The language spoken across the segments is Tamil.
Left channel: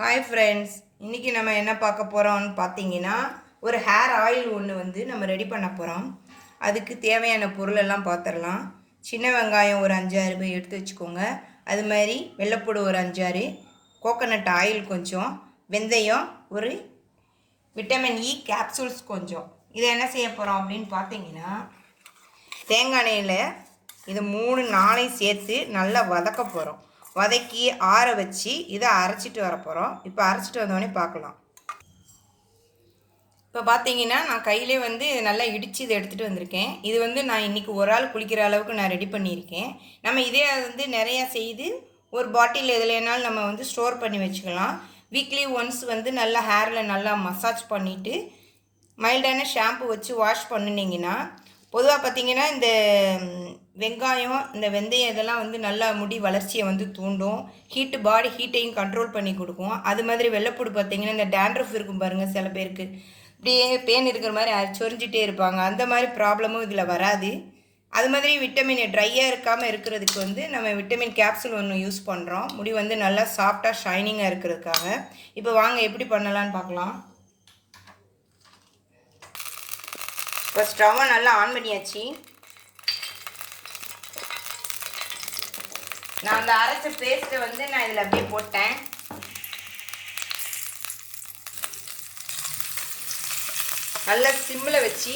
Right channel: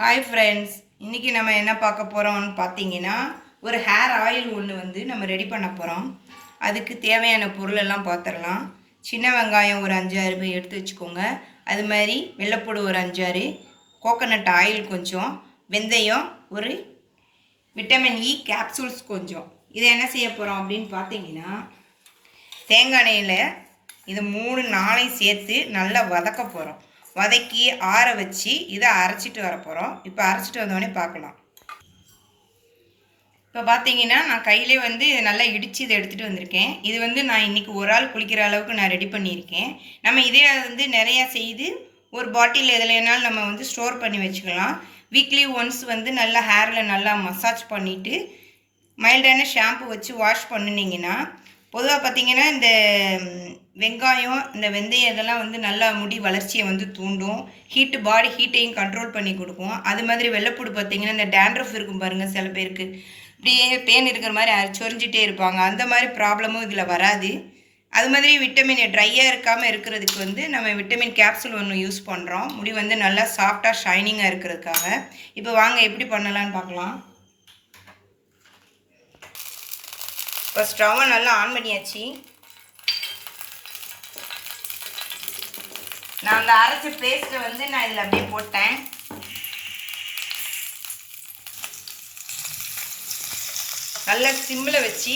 ஹாய் ஃப்ரெண்ட்ஸ், இன்றைக்கி நம்ம என்ன பார்க்க போகிறோம்னு பார்த்தீங்கன்னா ஒரு ஹேர் ஆயில் ஒன்று வந்து நம்ம ரெடி பண்ண போகிறோம். அதுக்கு தேவையான பொருளெல்லாம் பார்த்துடலாம். சின்ன வெங்காயம் ஒரு 5-6 எடுத்து வச்சுக்கோங்க. அது மாதிரி வெள்ளைப்பூடு ஒரு 5-6, கோகோனட் ஆயில் கொஞ்சம், வெந்தயம் ஒரு, விட்டமின் இ கேப்சூல்ஸ் கொஞ்சம். இதை என்ன செய்ய போகிறோம் அப்படின்னு பார்த்தீங்கன்னா, தேங்காய் எண்ணெயில் இது 3-4 சேர்த்து நல்லா வதக்க போகிறோம். வதக்கி ஆற வச்சு இதை அரைச்சிட்டு வர போகிறோம். இப்போ அரைச்சிட்டு வந்தோடனே பார்க்கலாம். இப்போ பார்த்தீங்கன்னா நான் கையிலே வந்து நல்லா இடித்து இதை எடுத்துகிட்டு வந்திருக்கேன். இது வந்து நான் இன்றைக்கி ஒரு ஆள் குளிக்கிற அளவுக்கு நான் ரெடி பண்ணியிருக்கேன். நம்ம இதே வந்து நிறையா செய்து ஒரு பாட்டில் எதுலேனாலும் நம்ம வந்து ஸ்டோர் பண்ணி வச்சுக்கலாம். வீக்லி ஒன்ஸ் வந்து நல்லா ஹேரில் நல்லா மசாஜ் பண்ணிவிட்டு மைல்டான ஷாம்பு வச்சு வாஷ் பண்ணினீங்கன்னா, பொதுவாக பார்த்திங்கன்னா இந்த வெங்காயம், இந்த வெந்தயம் இதெல்லாம் வந்து நல்லா முடி வளர்ச்சியை வந்து தூண்டும். பாடி ஹீட்டையும் கண்ட்ரோல் பண்ணி கொடுக்கும். அது மாதிரி வெள்ளைப்பூடு பார்த்திங்கன்னா இந்த டேண்ட்ரஃப் இருக்கும் பாருங்கள், சில பேருக்கு இப்படியே பேன் இருக்கிற மாதிரி சொரிஞ்சிட்டே இருப்பாங்க. அந்த மாதிரி ப்ராப்ளமும் இதில் வராது. அது மாதிரி விட்டமின் ட்ரையாக இருக்காமல் இருக்கிறதுக்கு வந்து நம்ம விட்டமின் கேப்சூல் ஒன்று யூஸ் பண்ணுறோம். முடி வந்து நல்லா சாஃப்டாக ஷைனிங்காக இருக்கிறதுக்காக. இப்போ வாங்க எப்படி பண்ணலான்னு பார்க்கலாம். இப்போ ஸ்டவ்வை நல்லா ஆன் பண்ணியாச்சு. நான் அந்த அரைச்ச பேஸ்ட்டை வந்து நான் இதில் அப்படியே போட்டேன். நல்லா சிம்மில் வச்சு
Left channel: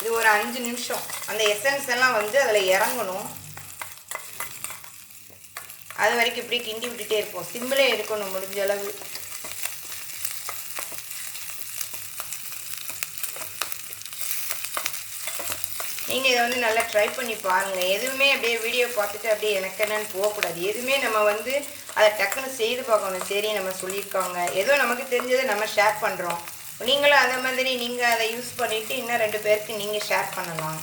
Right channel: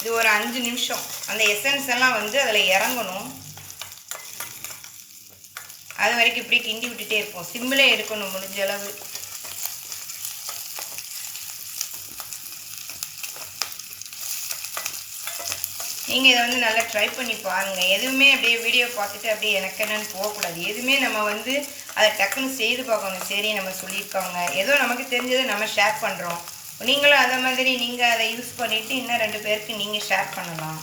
இது ஒரு 5 நிமிஷம் அந்த எசன்ஸ் எல்லாம் வந்து அதில் இறங்கணும். அது வரைக்கும் இப்படி கிண்டி விட்டுட்டே இருப்போம். சிம்மில் எடுக்கணும் முடிஞ்ச அளவு. நீங்கள் இதை வந்து நல்லா ட்ரை பண்ணி பாருங்கள். எதுவுமே அப்படியே வீடியோ பார்த்துட்டு அப்படியே எனக்கு என்னென்னு போகக்கூடாது. எதுவுமே நம்ம வந்து அதை டக்குன்னு செய்து பார்க்கணும். சரி, நம்ம சொல்லியிருக்காங்க, ஏதோ நமக்கு தெரிஞ்சதை நம்ம ஷேர் பண்ணுறோம். நீங்களும் அதே மாதிரி நீங்கள் அதை யூஸ் பண்ணிவிட்டு இன்னும் 2 பேருக்கு நீங்கள் ஷேர் பண்ணலாம்.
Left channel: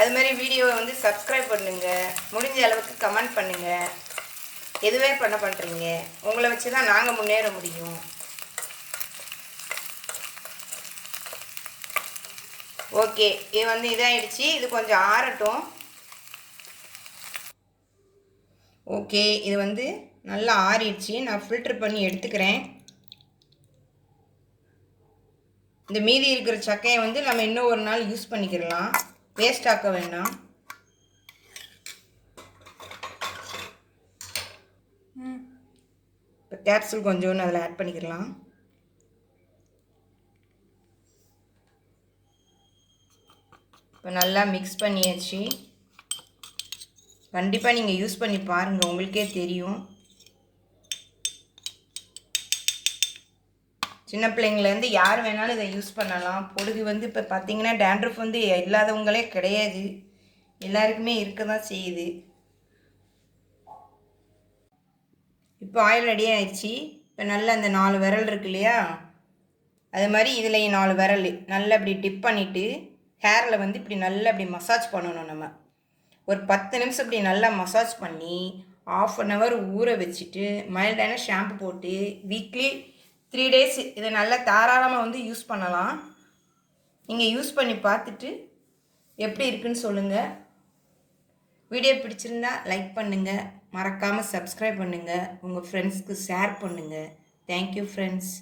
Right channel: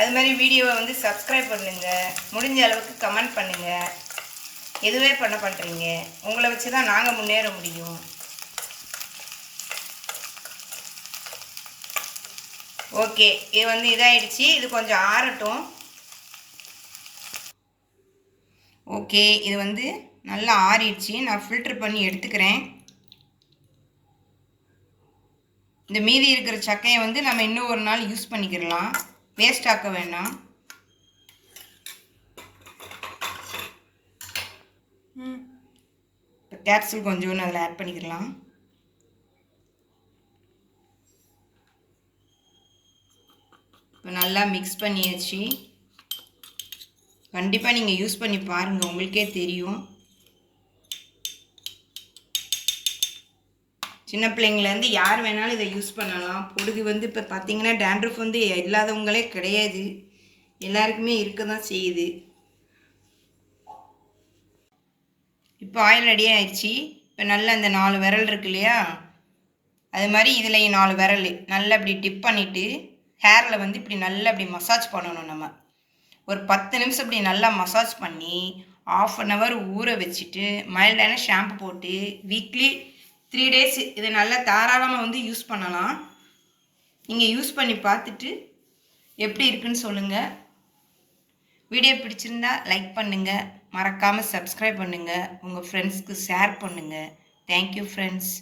அது மாதிரி வீடியோவை வந்து சப்ஸ்கிரைப் பண்ணுங்கள். முடிஞ்ச அளவுக்கு கமெண்ட் பண்ணுங்கள். எதுவே பண்ணுறீங்க, உங்களை வச்சு தான் நாங்கள் முன்னேற முடியும். ஓகே, இது வந்து இதாகிடுச்சு. இது கொஞ்சம் ஆறட்டும். ஓகே, இது வந்து நல்லா ஆறிடுச்சு. நான் ஃபில்ட்ரு பண்ணி எடுத்துக்கிறேன். இந்த மீதி இருக்கிற சக்கையை வந்து நம்ம இன்னும் ஒரு நாள் யூஸ் பண்ணிக்கிறலாம். வேஸ்ட் ஆக்க வேண்டாம். இப்போ கேப்சூல் கொஞ்சம் அதில் ஆட் பண்ணிக்கலாம். இப்போ நல்லா மிக்ஸ் பண்ணியாச்சு. கண்டிப்பாக நீங்கள் யூஸ் பண்ணி பாருங்கள், உங்களுக்கே தெரியும். சின்ன பிள்ளைங்கள்லேருந்து யார் வேணாலும் இதை யூஸ் பண்ணலாம். பொழுது வந்து இப்போ பார்த்திங்கன்னா டேண்ட்ரஃப் வந்து இல்லாதவங்களே கிடையாது, எல்லாருக்குமே இருக்க தான் செய்யுது. இப்போ ஆயில் ரெடி ஆயிடுச்சு. இப்போ நல்லா அந்த 4 விரல் இருக்கு இல்லையா, அது மாதிரி இதுலேயும் 4 விரல் நல்லா இப்படி டிப் பண்ணிவிட்டு ஹேரில் வந்து இப்படி நல்லா இப்படி மசாஜ் பண்ணணும். நம்ம ஒரு 10 நிமிஷம் இப்படி நல்லா மசாஜ் பண்ணி ½ ஊற வச்சுட்டு மைல்டான ஷாம்பு போட்டு வீக்லி 3 டேஸ் இதை நல்லா தாராளமாக வந்து யூஸ் பண்ணலாம். நீங்கள் யூஸ் பண்ணி பார்த்துட்டு எப்படி இருக்குன்னு சொல்லுங்கள். வீடியோ பிடிச்சிருந்தா லைக் பண்ணுங்கள், மறக்காமல் சப்ஸ்கிரைப் பண்ணுங்கள், உங்கள் ஃப்ரெண்ட்ஸ்க்கு ஷேர் பண்ணுங்கள். Thank you friends.